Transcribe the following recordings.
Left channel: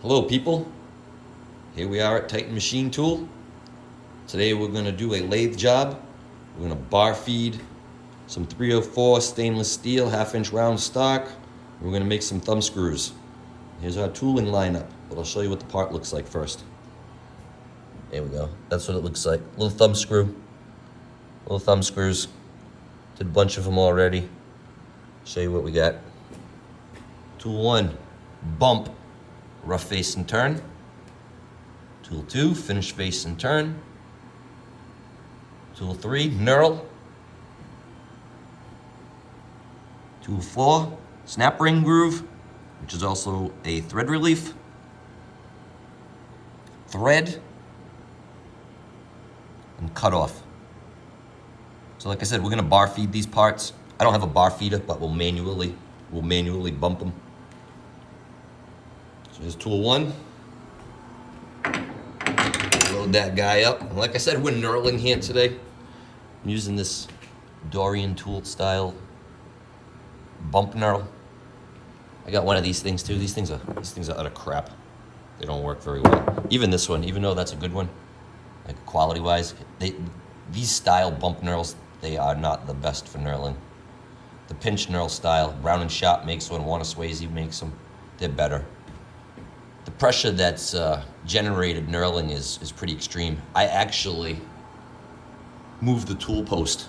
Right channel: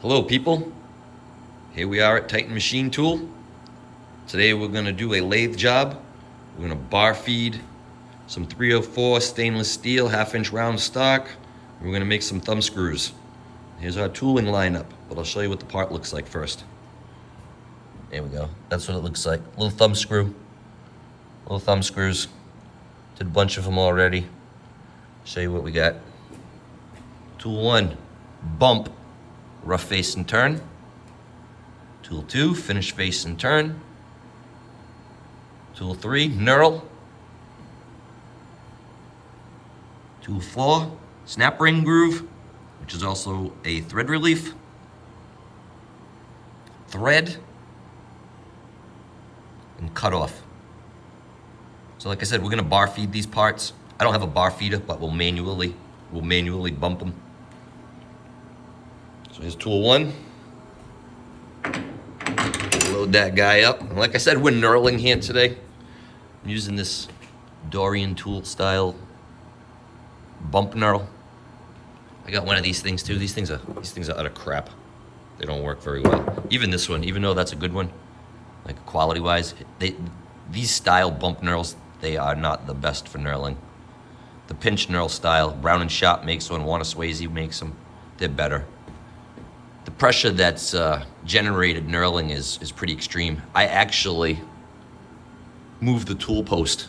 Hello people, here we are at Titan Machine Tool. Today we're going to do a lathe job. We're going to bar feed some 304 stainless steel 1/2-inch round stock. We're going to make some thumb screws. Here's our tooling lineup, but I'll show you what the part looks like first. There we go, that's what it looks like. Little thumb screw, little thumb screws. Did a bunch of them already. Show you what we got. Tool 1, bump. Rough face and turn. Tool 2, finish face and turn. Tool 3, knurl. Tool 4, snap ring groove, which is also a thread relief. Thread. And cutoff. So like I said, we're gonna bar feed these parts. I don't have a bar feeder, but we'll manually bump them. So here's tool 1. Load that guy up. And like I said, we're knurling here today. I'm using this Dorian tool style bump knurl. I got one of these things too. These things are utter crap. They don't work very well. Even this one, even though that's a good one, like quality wise, these style bump knurls, they are not the best for knurling. The pinch knurl style, Brown and Sharp makes one, Warner Swayze makes them. They're better. The pressure that's generated knurling is pretty extreme. I actually moved the tool post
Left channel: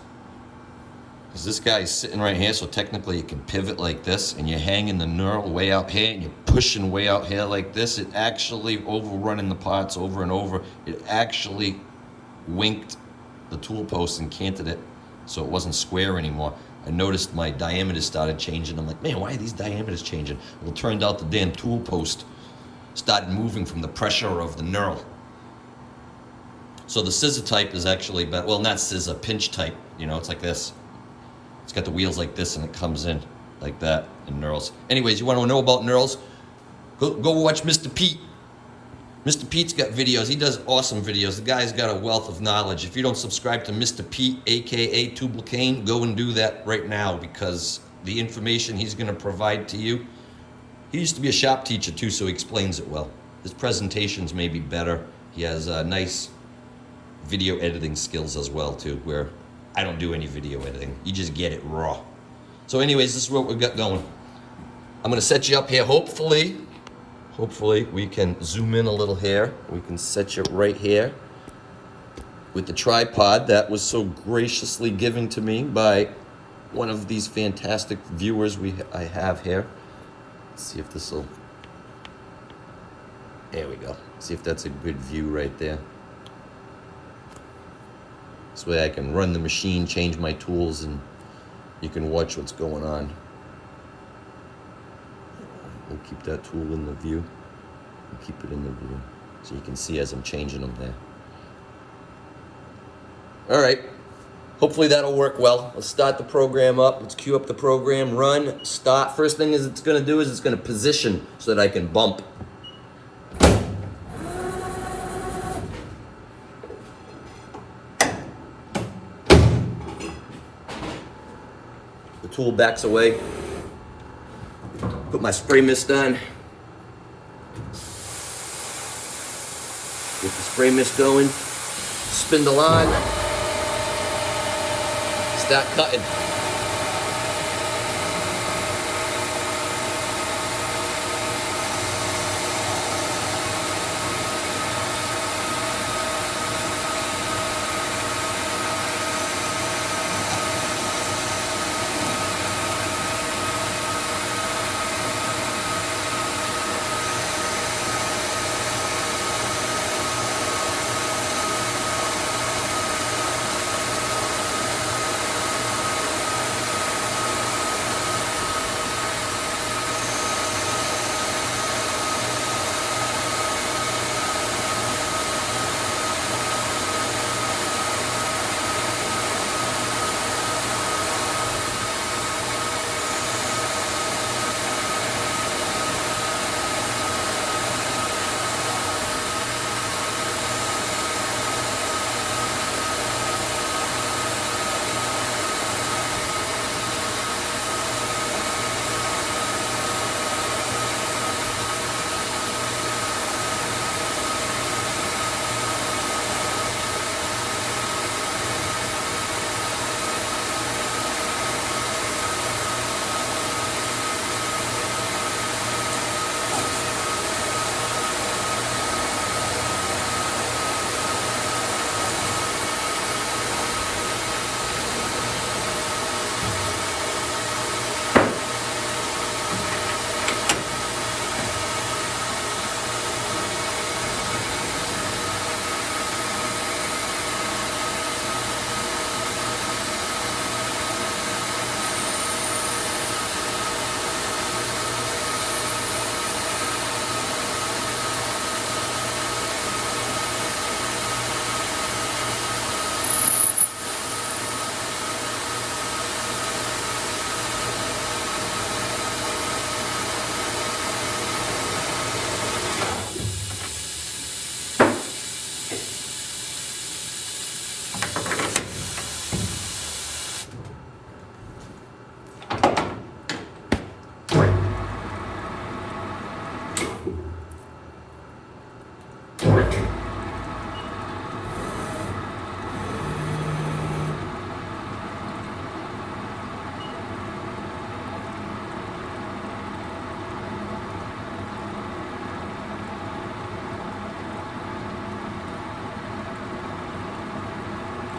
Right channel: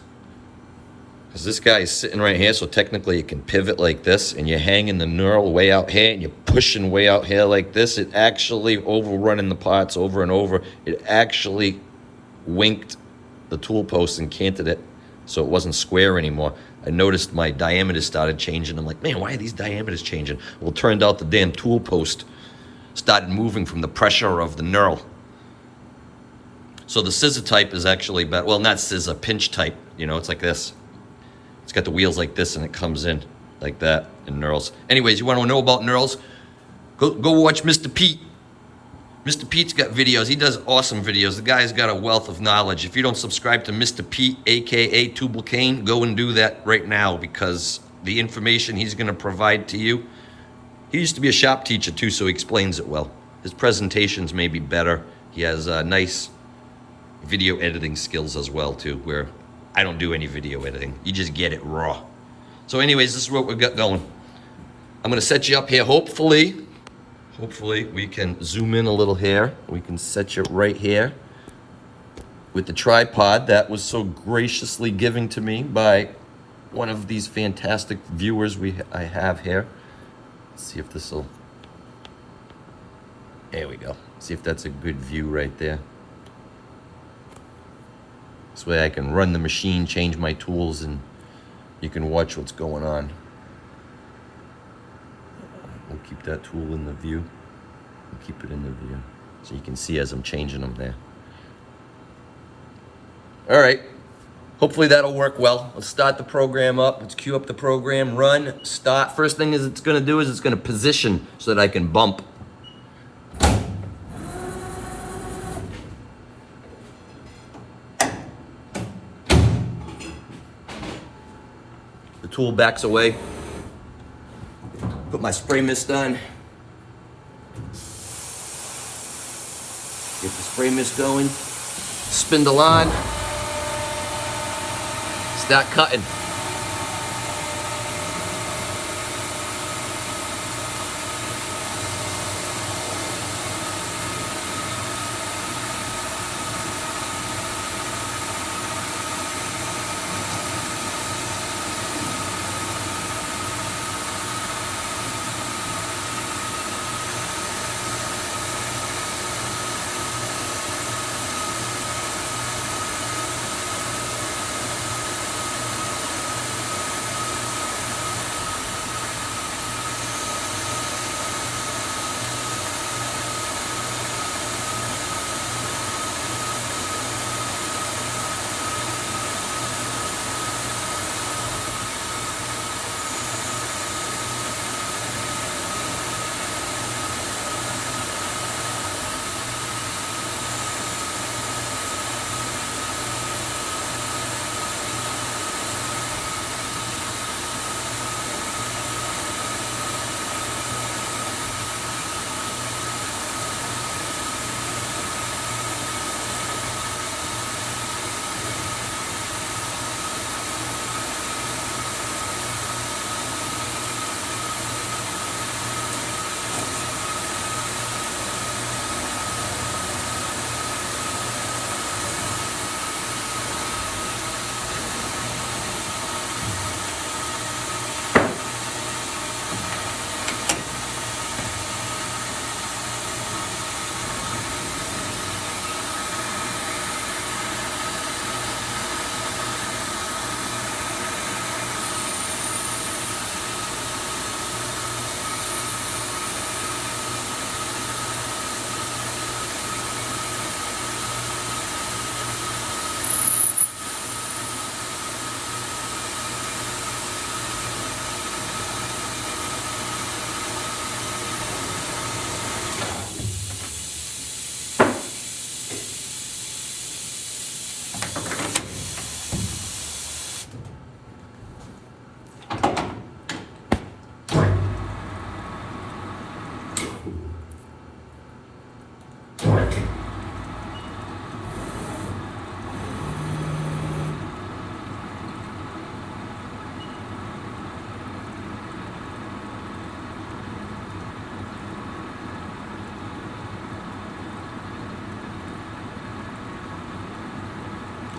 because this guy is sitting right here, so technically it can pivot like this, and you're hanging the knurl way out here and you're pushing way out here like this. It actually overrunning the parts over and over. It actually winked the tool post and canted it so it wasn't square anymore. I noticed my diameters started changing. I'm like, man, why are these diameters changing? Well, it turned out the damn tool post started moving from the pressure of the knurl. So the scissor type is actually better. Well, not scissor, pinch type. You know, it's like this. It's got the wheels like this and it comes in like that and knurls. Anyways, you want to know about knurls? Go watch Mr. Pete. Mr. Pete's got videos. He does awesome videos. The guy's got a wealth of knowledge. If you don't subscribe to Mr. Pete, aka Tubal Cain, go and do that right now, because the information he's going to provide to you. He used to be a shop teacher too, so he explains it well. His presentations may be better. He has nice video editing skills as well too, where I don't do any video editing. You just get it raw. So anyways, this is what we've got going. I'm gonna set you up here. Hopefully we can zoom in a little here. We can set you right here with the tripod that was so graciously given to me by one of these fantastic viewers I have here. See if this will, there we go. See if that's a good view right there. This way I can run the machine, change my tools, and you can watch what's going on. We'll keep that tool in the view. We'll keep it in the view so you can see as I'm changing them there. All right. Hopefully that'll work well. Let's start the program up. Let's queue up the program, run, start. First thing is it's gonna do is it's gonna position so that I can bump. The tool backs away. Put my spray mist on. Get the spray mist going. Spindle on. Start cutting.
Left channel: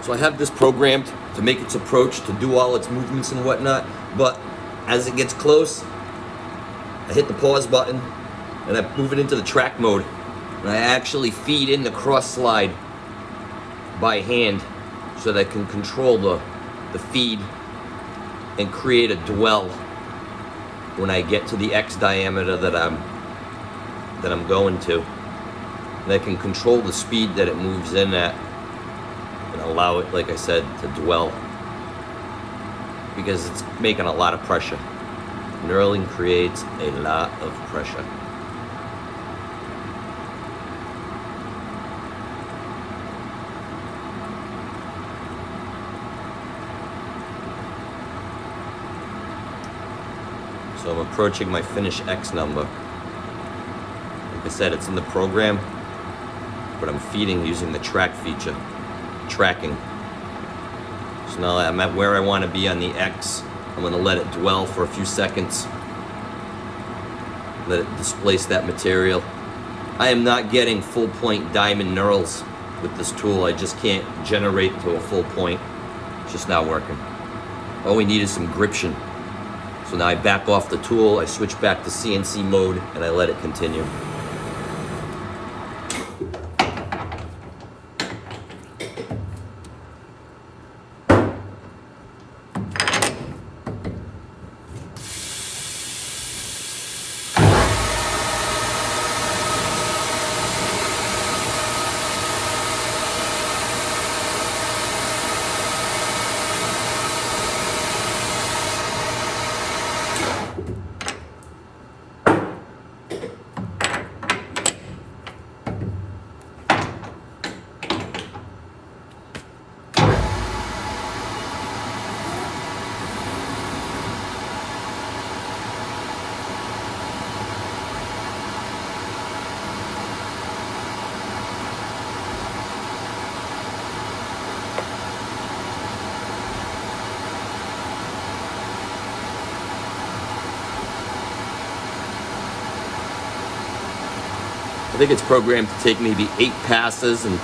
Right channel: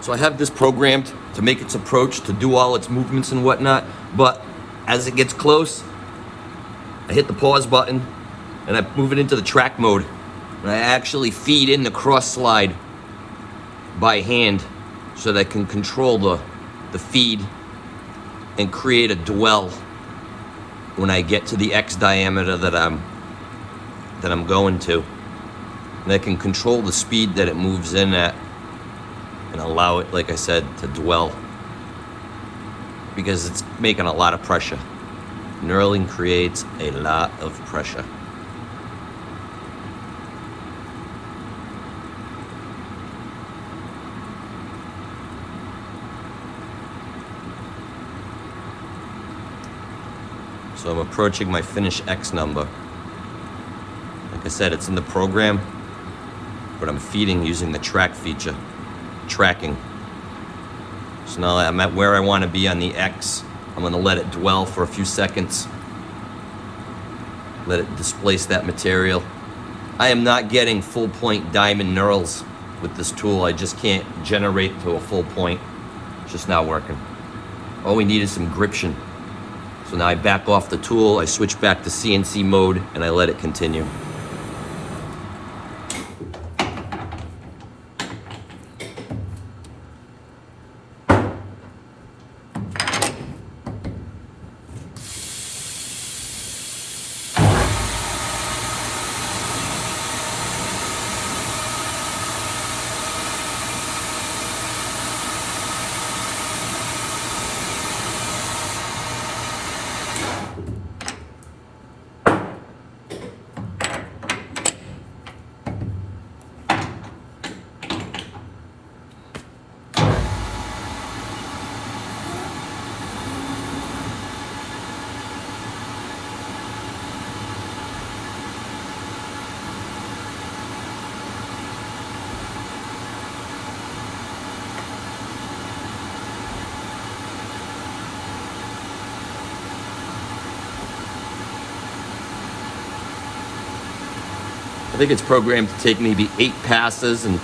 So I have this programmed to make its approach, to do all its movements and whatnot, but as it gets close, I hit the pause button and I move it into the track mode. And I actually feed in the cross slide by hand so that I can control the feed and create a dwell when I get to the X diameter that I'm going to. And I can control the speed that it moves in at and allow it, like I said, to dwell, because it's making a lot of pressure. Knurling creates a lot of pressure. So I'm approaching my finish X number. Like I said, it's in the program, but I'm feeding using the track feature, tracking. So now I'm at where I want to be on the X. I'm going to let it dwell for a few seconds. Let it displace that material. I am not getting full point diamond knurls with this tool. I just can't generate to a full point. It's just not working. All we need is some gription. So now I back off the tool, I switch back to CNC mode, and I let it continue. I think it's programmed to take maybe 8 passes and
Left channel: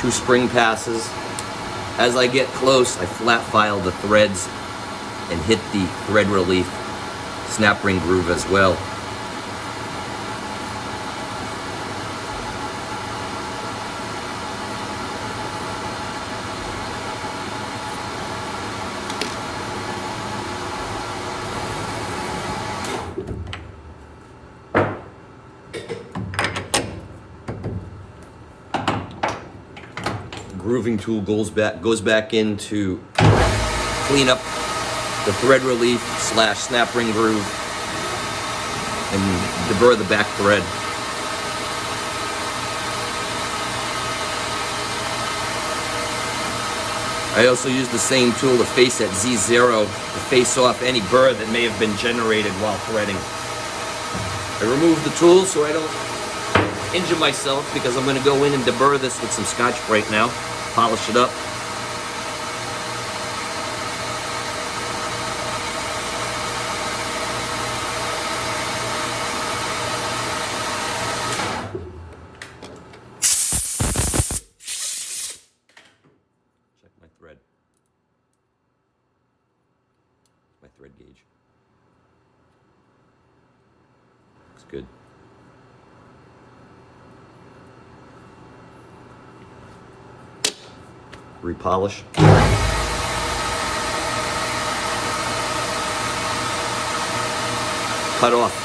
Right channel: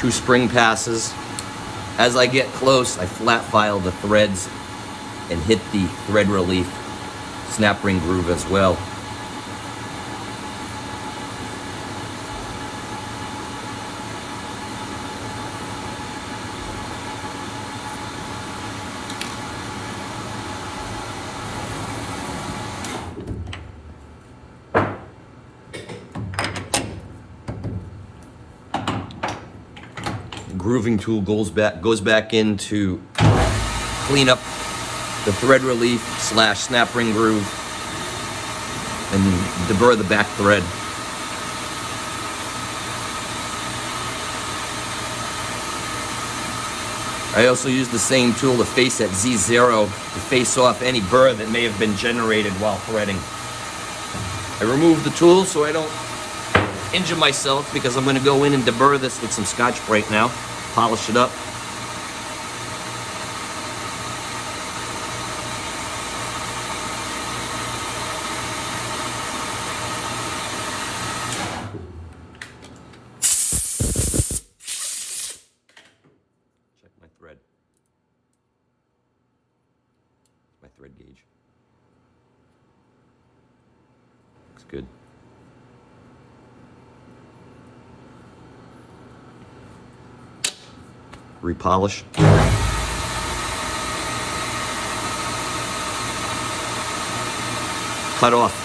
2 spring passes. As I get close, I flat file the threads and hit the thread relief snap ring groove as well. Grooving tool goes back in to clean up the thread relief / snap ring groove and deburr the back thread. I also use the same tool to face at Z0 to face off any burr that may have been generated while threading. I remove the tool so I don't injure myself, because I'm going to go in and deburr this with some Scotch-Brite now, polish it up. Check my thread. My thread gauge. It's good. Repolish. Cut off.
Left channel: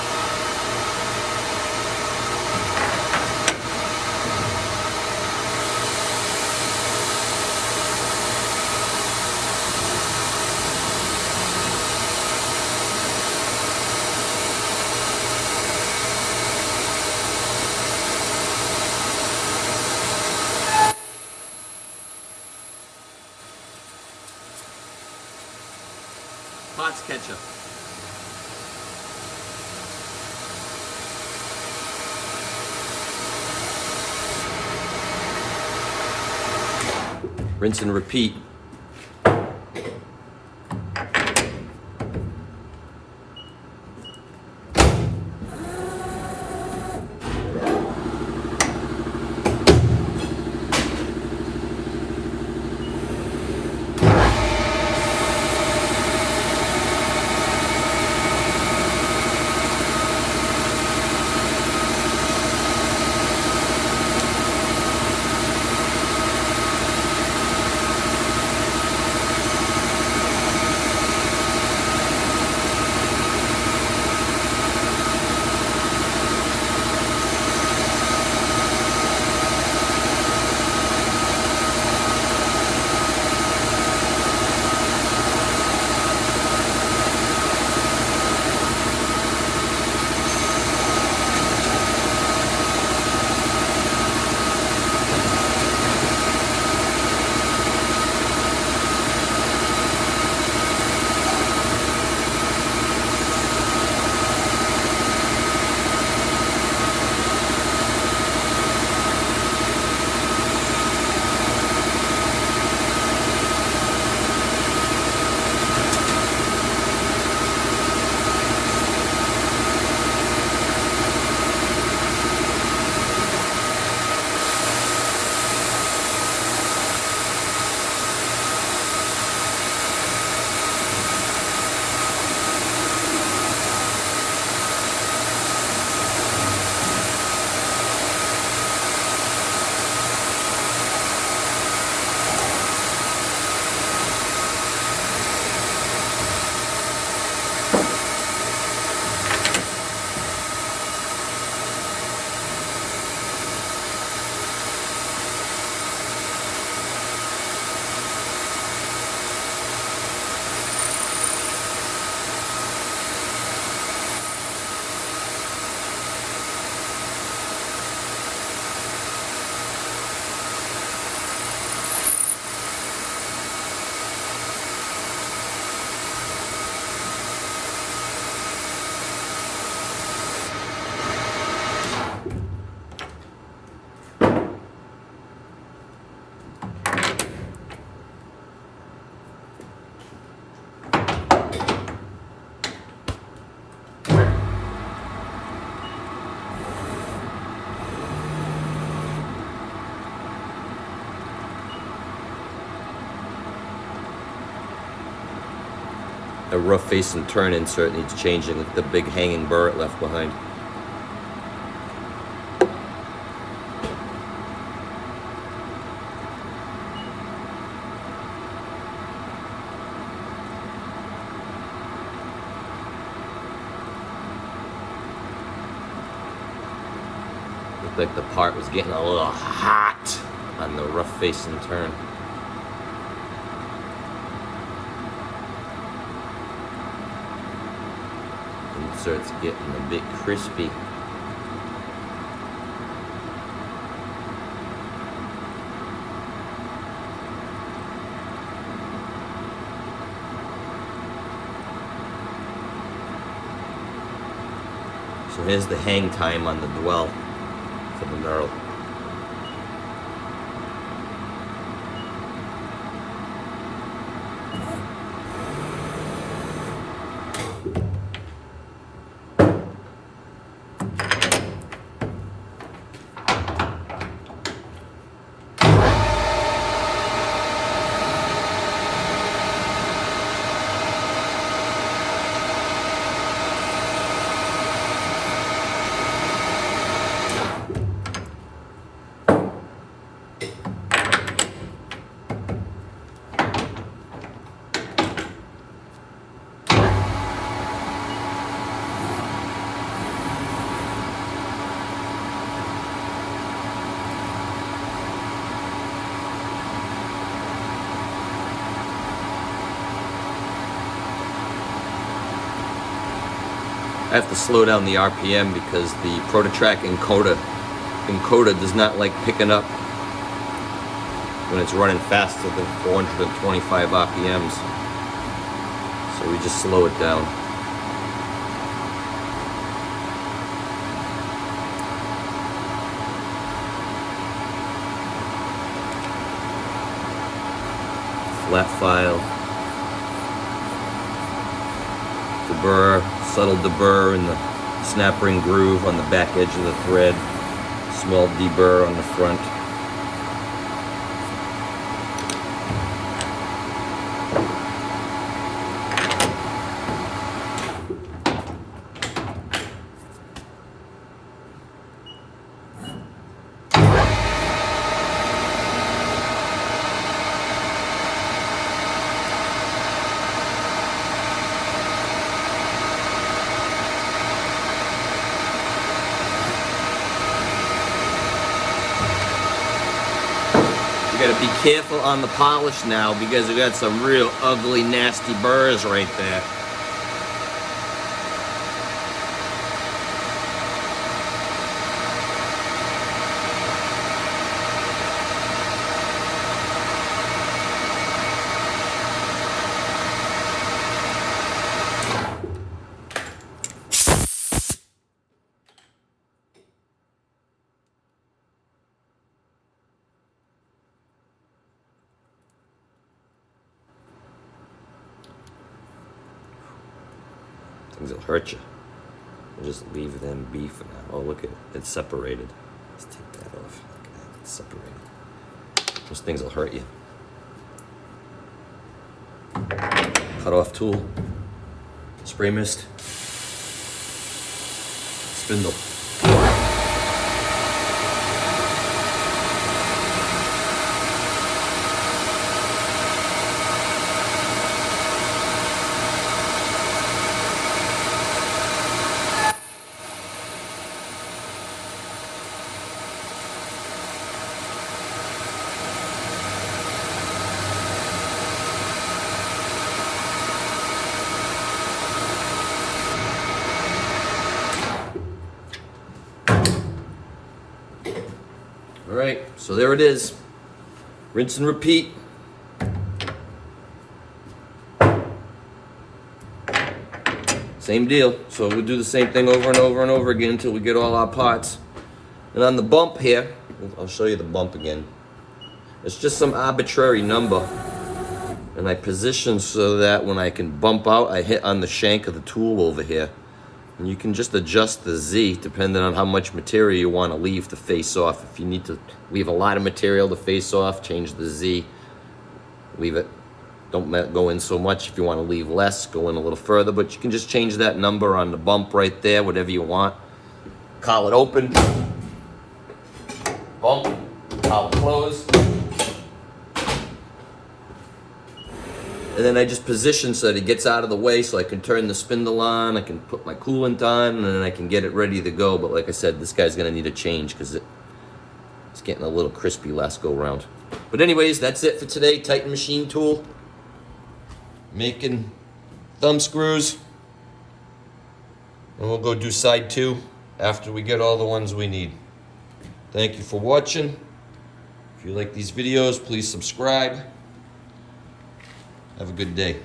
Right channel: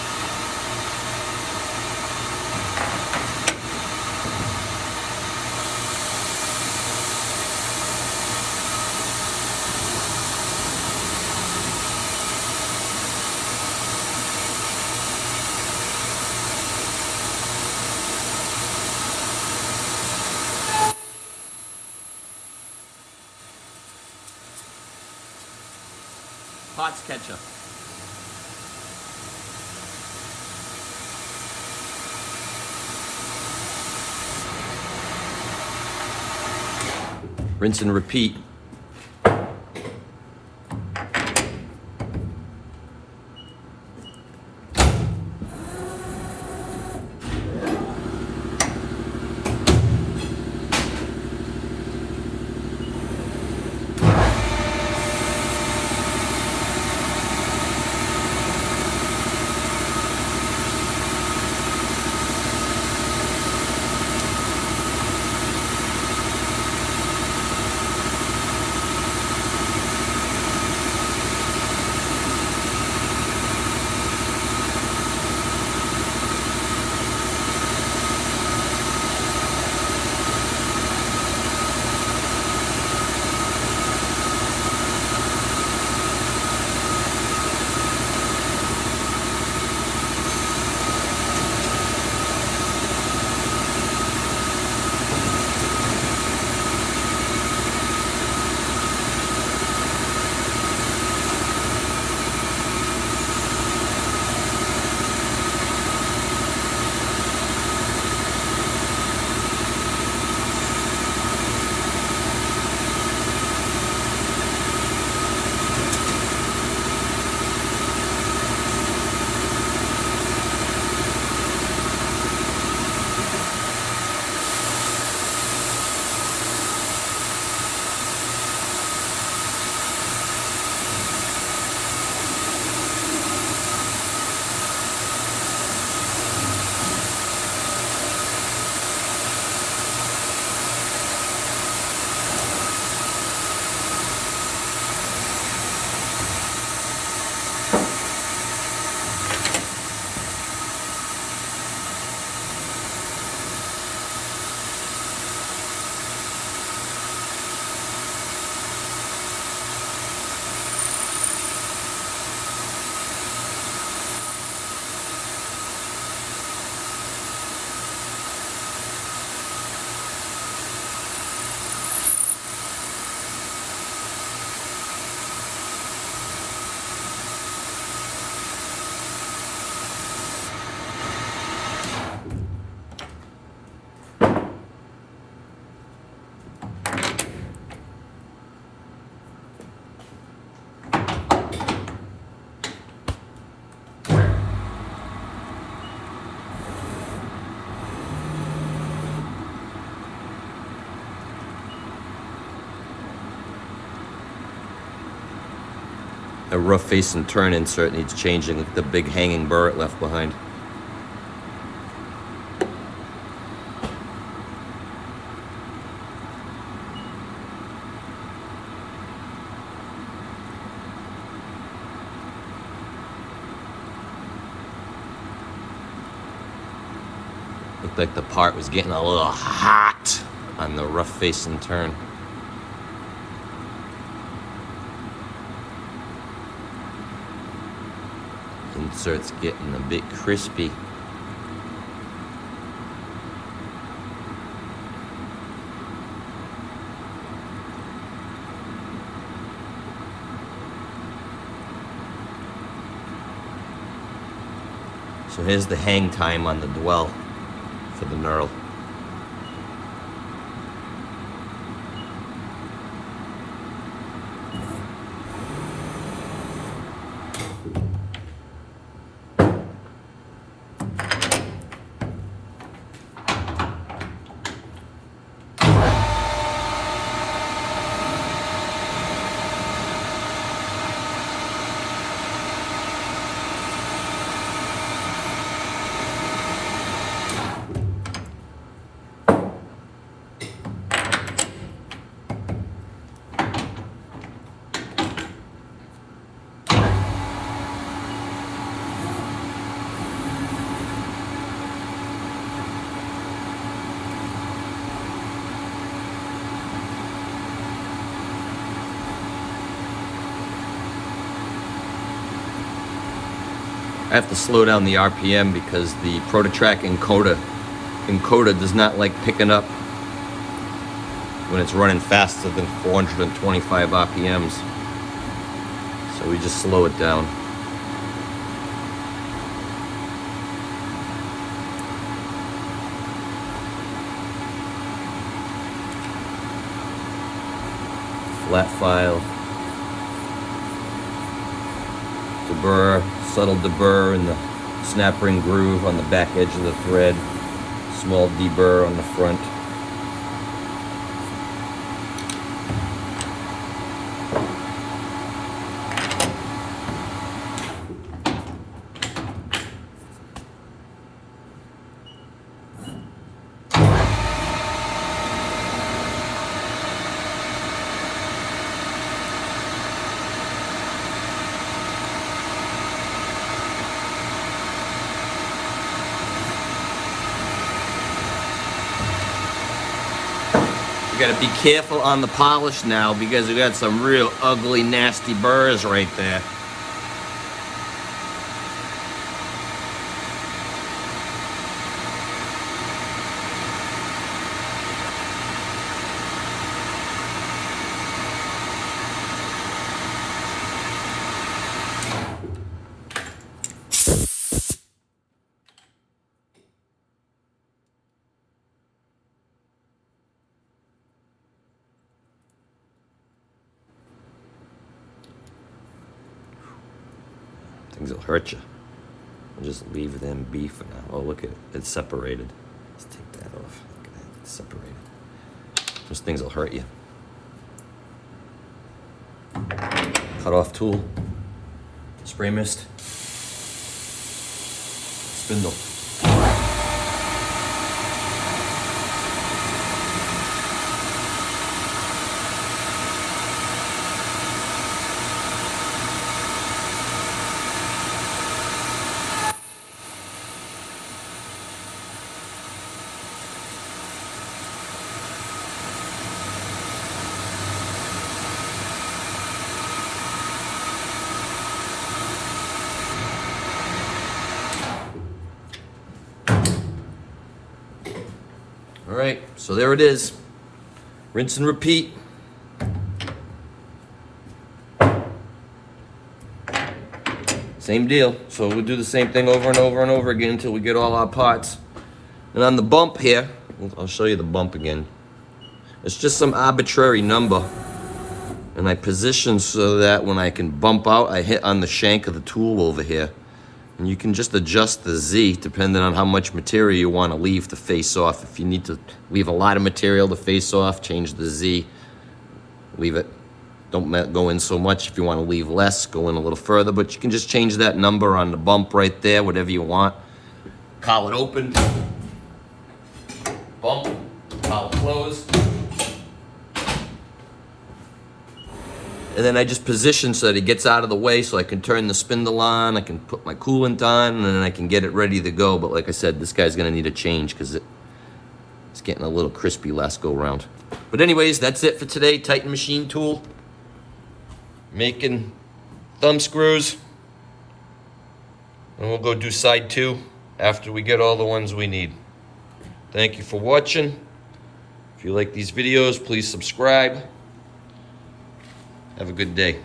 Hot ketchup. Rinse and repeat. The rough face and turn insert needs changing. The big hanging burr it left behind. Looked like the part was getting a little hot on the rough face and turn. Insert's getting a bit crispy. So here's the hang time on the dwell for the knurl. I have to slow down the RPM because the PROTO-TRAK encoder does not like picking up when it's running faster than 425 RPMs. So we just slow it down. Flat file. Deburr, subtle deburr in the snap ring groove on the back edge of the thread. Small deburr on the front. Gotta be careful on the polish now because we got some real ugly, nasty burrs right there. Things that hurt you. We'll just leave them be for now. Oh, look at it. It's separated. Let's take that off. It's separated. Those things will hurt you. Cutoff tool. Spray mist. Spindle. All right, so there it is. Rinse and repeat. Same deal. So we'll do the same thing over and over and over again until we get all our parts. And on the bump here, I'll show you the bump again. It's just some arbitrary number. And I position so that when I can bump out, I hit on the shank of the tool over here. And you can just adjust the Z depending on how much material you want to leave to face off. If you need to leave a lot of material to face off, change the Z. Leave it don't go in so much. If you want to leave less, go in a little further, but you can just change that number on the bump right there, whatever you want. Collet open, bump, collet closed. And then I just position so that it gets out of the way so I can turn the spindle on, I can put my coolant on, and then I can get it ready to go. But like I said, this guy's gonna need a change because it's getting a little crispy last go round. But anyways, that's it for today. Titan machine tool. Making thumb screws. And we'll go do side 2 after we get all the ones we need. Thank you for watching. If you like these videos, please subscribe. Have a good day.